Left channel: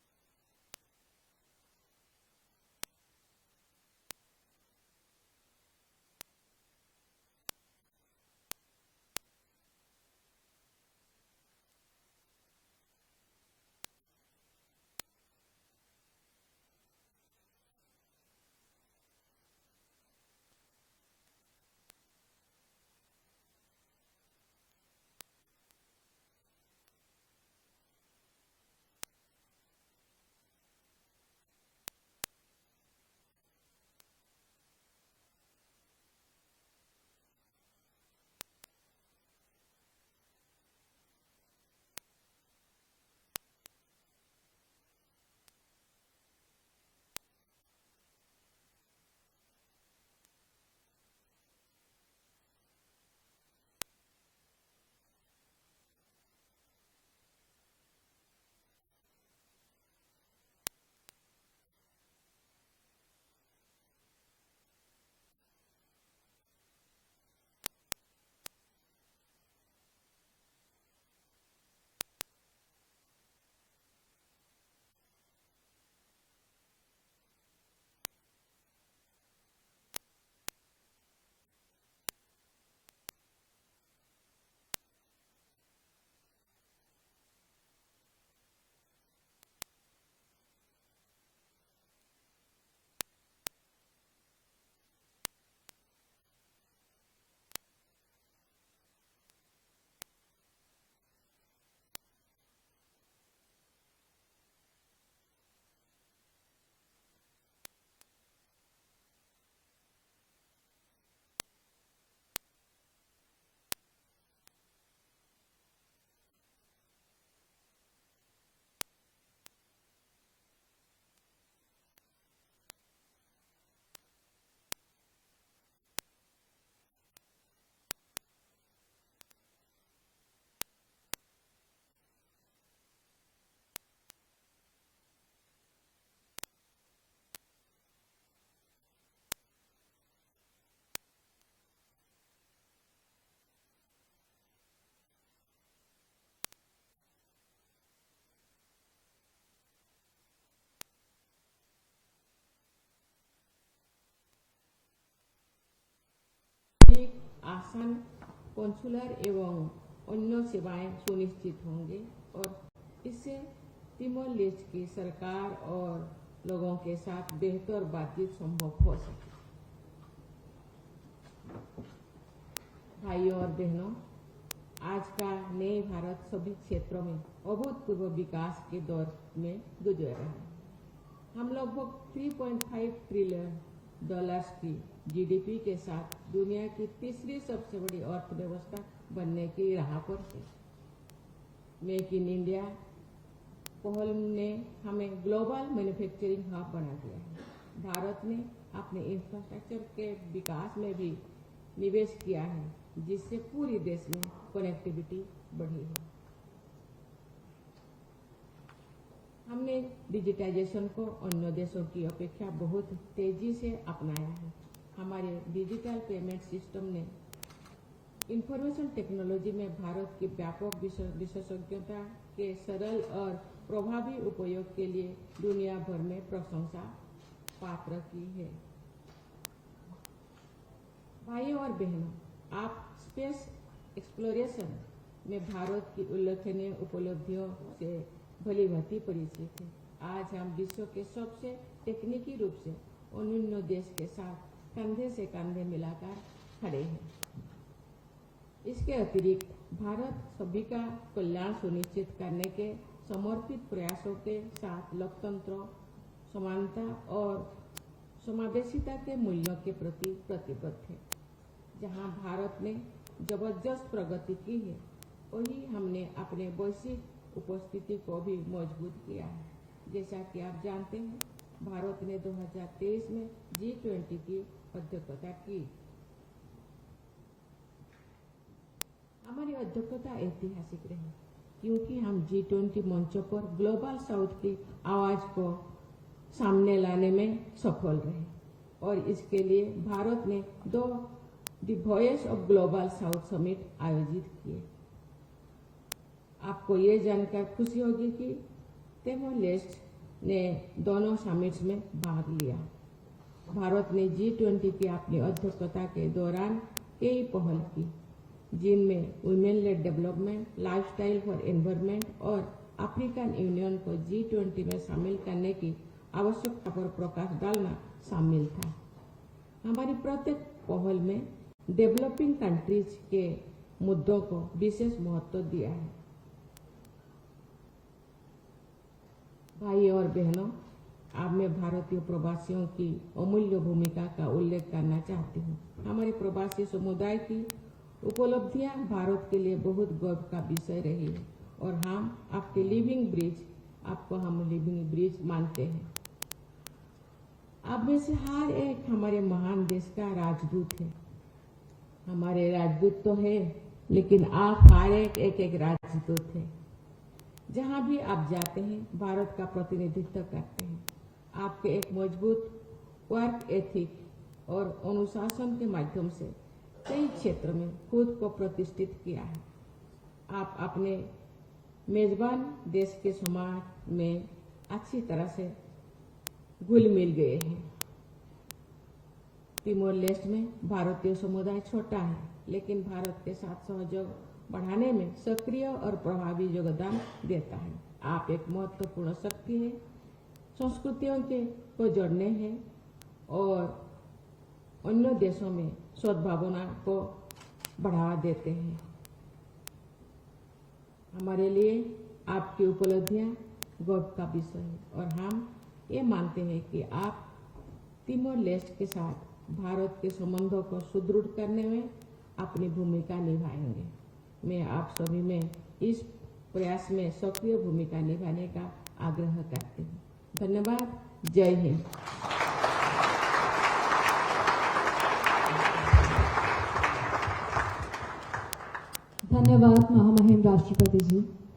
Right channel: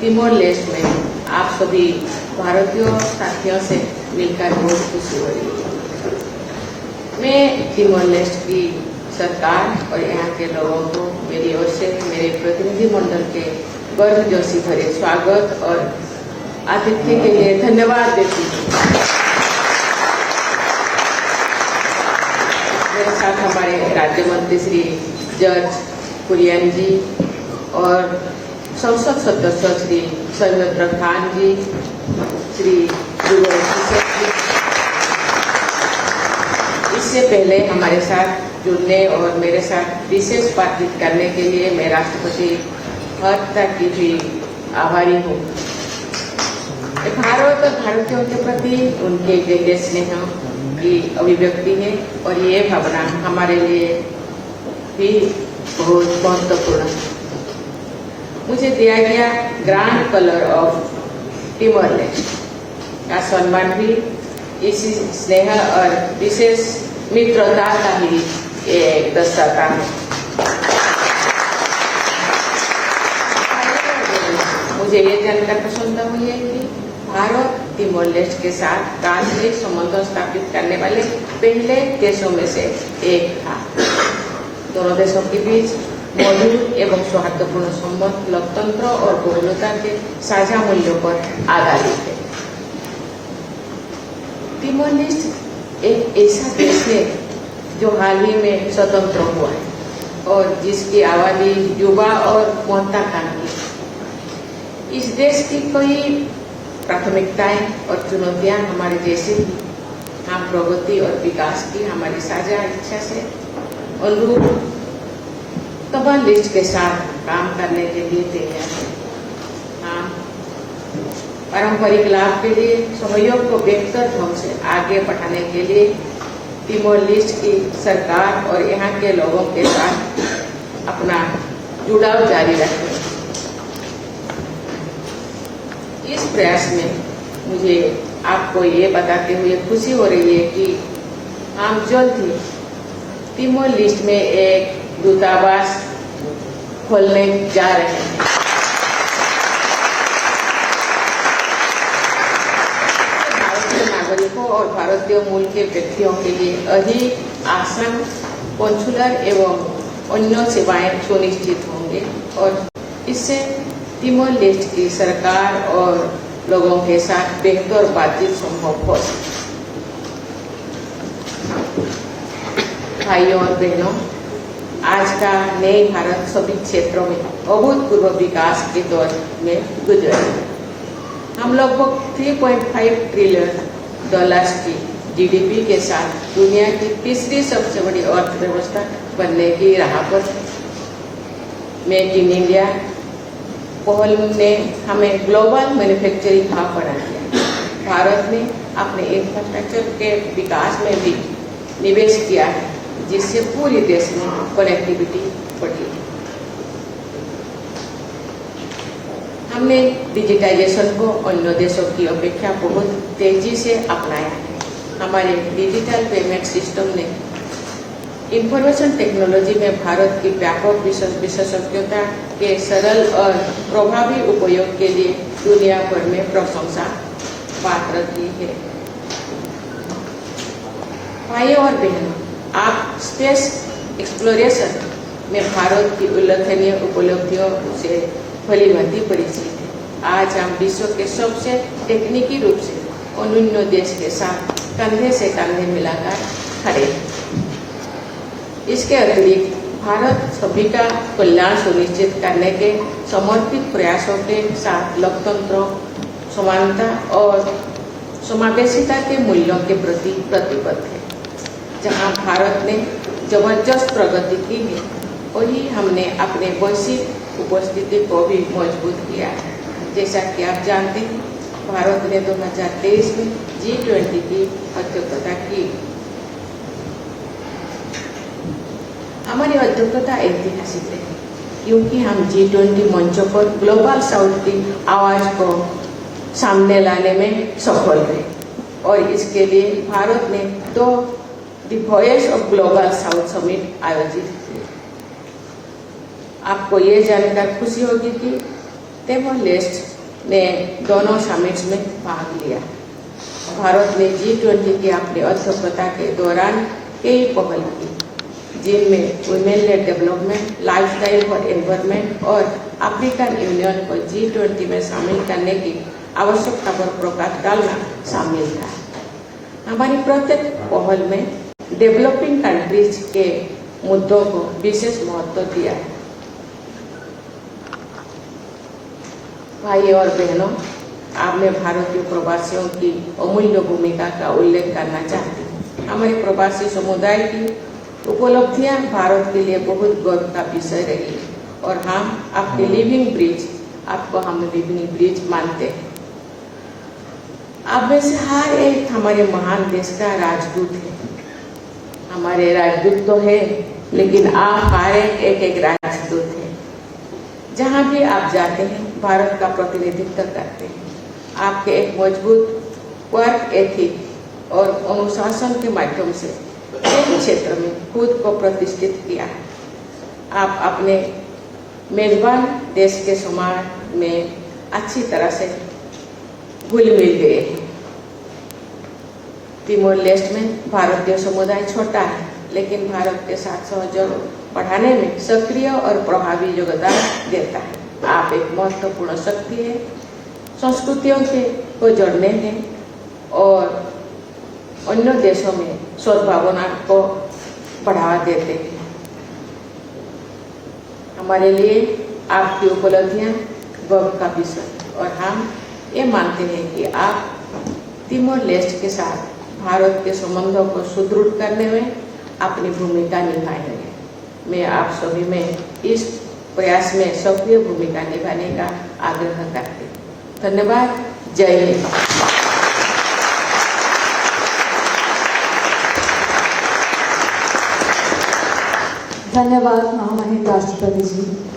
Timor लेस्ट में आप सभी भारतीय साथियों से मिलकर बहुत खुशी हो रही है। मैं तिमोर लेस्ट की सरकार और यहाँ के लोगों को मेरी ओर से मेरे प्रतिनिधि मंडल के गर्व जोशी भरे स्वागत और आतिथ्य के लिए धन्यवाद देती हूँ। मेरे साथ हमारे राज्य मंत्री श्री जॉर्ज कुरियन जी और संसद सदस्य श्री सौमित्र खान जी, श्री जुगल किशोर जी। इससे पहले हमारे साथ जुड़ने और मेरे साथ विशेष बातचीत करने के लिए मैं राष्ट्रपति हर्षा की भी आभारी हूँ। भारत और भारतीयों के प्रति उनके गहरे स्नेह की अभिव्यक्ति है और ये भावना हमारे लिए भी बहुत महत्वपूर्ण है। मुझे दिया गया ग्रैंड कलर ऑफ तिमोर लेस्ट का सम्मान भी इसी स्नेह और विशेष मित्रता का ही एक दर्शाता है। मुझे ये जानकर प्रसन्नता हुई है कि भारत तिमोर लेस्ट के साथ राजनयिक संबंध स्थापित करने वाले पहले देशों में से एक था। दोनों देशों के बीच मौजूद एवं सौहार्दपूर्ण संबंध लोकतंत्र और बहुलता के साझा मूल्यों पर आधारित है। तिमोर लेस्ट एक ऐसा देश है जो हाल ही में स्वतंत्र हुआ है और जिसकी आबादी युवा और महत्वाकांक्षी है। इस देश की कई प्राथमिकताएं और चुनौतियां हमारे जैसे ही हम प्रगति और विकास की हमारी साझा इच्छा से अनुरूप तिमोर लेस्ट के साथ काम करने के लिए तैयार है। हम पारंपरिक लाभ के लिए सहयोग को बेहतर ढंग से आगे बढ़ाने के लिए तिमोर लेस्ट की सरकार और यहाँ के लोगों के साथ अपना जुड़ाव जारी रखें। इस प्रयास में मुझे आपको ये बताते हुए खुशी हो रही है कि हम जल्द ही तिमोर लेस्ट में एक दूतावास खोलने जा रहे हैं। भारतीय नागरिकों और भारतीय मूल के व्यक्तियों के लिए अधिक आसान कॉन्सुलर एवं अन्य सेवाएं सुनिश्चित होंगे और इससे तिमोर लेस्ट की सरकार और लोगों के साथ बेहतर बातचीत संभव हो सके। भाइयों और बहनों, आज का नए भारत सभी क्षेत्रों में अभूतपूर्व विकास के दौर में गुजर रहे हैं। हम लगभग 3.5 ट्रिलियन डॉलर्स की जीडीपी के साथ दुनिया की तीसरी सबसे बड़ी अर्थव्यवस्था बनने की राह पर। मेक इन इंडिया पहल ने हमें ग्लोबल मैन्युफैक्चरिंग हब बना दिया। भारत ने अपने इंफ्रास्ट्रक्चर के विकास में भी निवेश किया है, जिससे पूरे देश में कनेक्टिविटी बढ़ी। हमने डिजिटाइजेशन को अन्य देशों की अपेक्षा बहुत तेजी से अपनाया है। हमारे डिजिटल पेमेंट सिस्टम ने इंफॉर्मेशन टेक्नोलॉजी में भारत की व्यापक विशेषज्ञता के सरल और प्रभावी उपयोग के लिए दुनिया भर में प्रशंसा पात्र की है। भाइयों और बहनों, आप स्पेस एक्सप्लोरेशन में भारत की उल्लेखनीय उपलब्धियों से भली भांति परिचित है। आज हम विश्व के सबसे तकनीकी रूप से अनून्य देश के साथ कंधे से कंधे मिलाकर खड़े हैं। इसके अतिरिक्त भारत सभी का कल्याण सुनिश्चित करने के समर्पित प्रयासों के साथ लोकतंत्र, समानता और समावेशिता के मूल्यों के प्रति प्रतिबद्ध है। जहां भारत ने जबरदस्त प्रगति की है, वही हमने अपने वैश्विक उपस्थिति को भी मजबूत किया है। जैसा कि आप जानते हैं, भारत ने 2023 में G20 की अध्यक्षता की। हमारी अध्यक्षता ऐतिहासिक है क्योंकि हम G20 मंचों पर ग्लोबल साउथ की आवाज को सामने लाने में सफल रहे और इसके लिए भारत ने 2 the voice of global south summit आयोजित किए। आपको ये जानकर खुशी होगी कि तिमोर लेस्ट ने दोनों समिट्स में भाग लिया। भारत ने G20 की अपनी अध्यक्षता के दौरान कई पहल की, जिनमें women lead development, lifestyle for environment और अफ्रीकन यूनियन को G20 में शामिल करने की आवश्यकता पर प्रकाश डालना शामिल था। हमारी प्रत्येक पहल में डेवलपिंग कंट्रीज के मुद्दों को विशेष महत्व दिया है। भाई और बहनों, आज मैं भारतीय प्रवासियों की अमूल्य भूमिका का उल्लेख करना चाहती हूँ। हमारे प्रवासी समुदाय की उपलब्धियां भारत के लिए बहुत गर्व का विषय रही और हम अपने लिविंग ब्रिज मानते हैं। आप में से हर एक हमारे महान देश का राजदूत है। हमारे राजदूत तो है, लेकिन आप हर एक राजदूत है। जहाँ भी आप जाते हैं, भारत का प्रतिनिधित्व करते हैं। आपके एक मजबूत वर्क एथिक और अनुशासन के माध्यम से एक क्षेत्र में खुद को प्रतिष्ठित किया है। आप अपने मेजबान देश के समाज में अच्छी तरह से घुल मिल गए हैं। तिमोर लेस्ट में भारतीय समुदाय छोटा है, लेकिन भारत के साथ सहयोग बढ़ाने में सक्रिय और प्रभावी योगदान देता है। आप एक महत्वपूर्ण शक्ति है, संस्कृतियों को जोड़ने में और अन्य देशों में सद्भावना को बढ़ावा देते हैं। हमारे लिए आपकी उपलब्धियां गर्व का विषय और हम ये मानते हैं कि आप तिमोर लेस्ट के साथ भारत के संबंधों को सुदृढ़ करने में अपनी भूमिका निभाएंगे। मैं आप सभी में इस प्रयास में सक्रिय भूमिका निभाने का आग्रह करती हूँ। धन्यवाद। जय हिंद। धन्यवाद महामहिम राष्ट्रपति जी।